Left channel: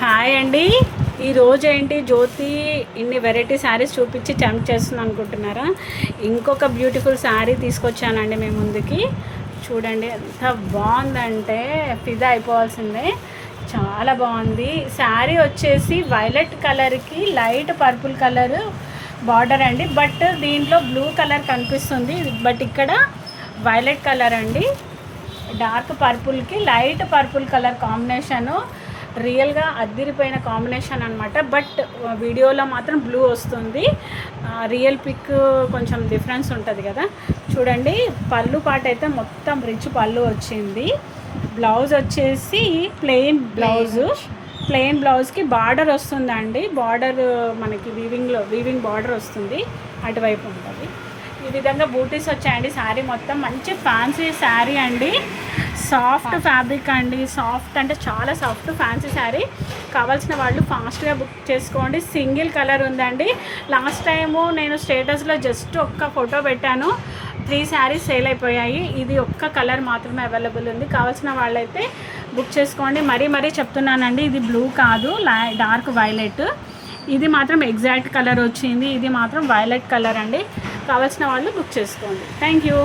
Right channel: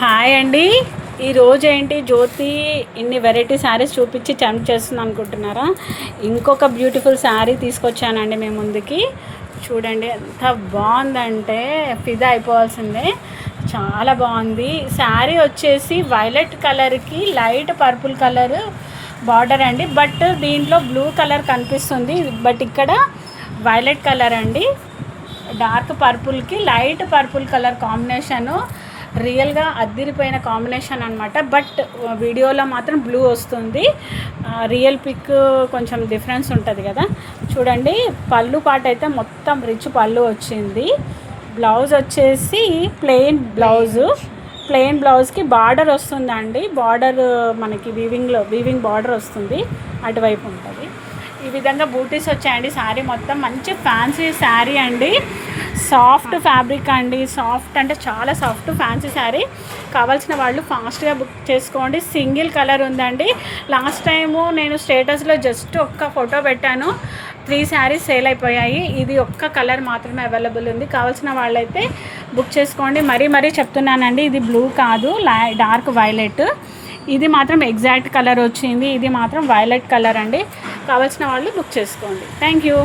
Hi అండి. ఈరోజు ఏంటి జ్యోతి ఇన్ని వెరైటీ శారీస్ చూపించి టెంప్ట్ చేస్తుంది అనుకుంటున్నారా? ఇంకొక బ్యూటిఫుల్ శారీ తీసుకొచ్చానండి మేము ముందుకి. చూడండి ఎంత బాగుందంటే ఫిదా అయిపోవాల్సిందే. చాలా బాగుంది. శారీ వచ్చేసి వైలెట్ కలర్కి లైట్ పర్పుల్ కలర్ బార్డర్ అండి. బట్ దీంట్లో బ్లూ కలర్ కనిపిస్తుంది. బట్ ఇక్కడ వైలెట్ కలర్ అండి. డార్క్ పర్పుల్కి లైట్ పర్పుల్ కలర్ కాంబినేషను రియల్గా అద్దిరిపోయిన కాంబినేషన్ అనమాట. బట్ వీడియోలో మాత్రం బ్లూ వస్తుంది. రియల్ పిక్ కొంచెం డిఫరెన్స్ ఉంటుంది కదా. చూడండి పళ్ళు పాట అయితే మొత్తం రిచ్ పళ్ళు వచ్చింది. బ్లౌజ్ వచ్చేసి ప్లెయిన్ బ్లౌజ్కి బార్డర్ వస్తుందండి. బార్డర్ మనకి వీవింగ్ బార్డర్ వస్తుంది, అటువైపు ఉంటుంది. ఈ విధంగా బూటీస్ వచ్చాయండి. శారీ మొత్తం మంచి ఫ్యాన్సీ శారీ అండి. సాఫ్ట్ ఫ్యాబ్రిక్ అండి. సాఫ్ట్ అంటే చాలా సాఫ్ట్ ఫ్యాన్సీ శారీ. కావాల్సిన వాళ్ళు ఫాస్ట్గా బుక్ చేసుకోండి. సింగిల్ కలర్ ఉందండి. లాస్ట్ టైము నేను స్టేటస్లో జస్ట్ ఒక్క ఫోటో పెట్టాను, 3 శారీస్ సేల్ అయిపోయాయి. ఇది ఒక్క కలర్ మాత్రమే అవైలబుల్ ఉంది. కావాల్సిన వాళ్ళైతే బుక్ చేసుకోండి. మరీ చెప్తున్నానండి, ఇది బ్లూ కాదు, డార్క్ వైలెట్. ఇది మాత్రం ఎగ్జాక్ట్ కలర్ వచ్చింది. ఇది మాత్రం వైలెట్ కలర్ అండి. కావాల్సిన వాళ్ళు బుక్ చేసుకోండి. Thank you.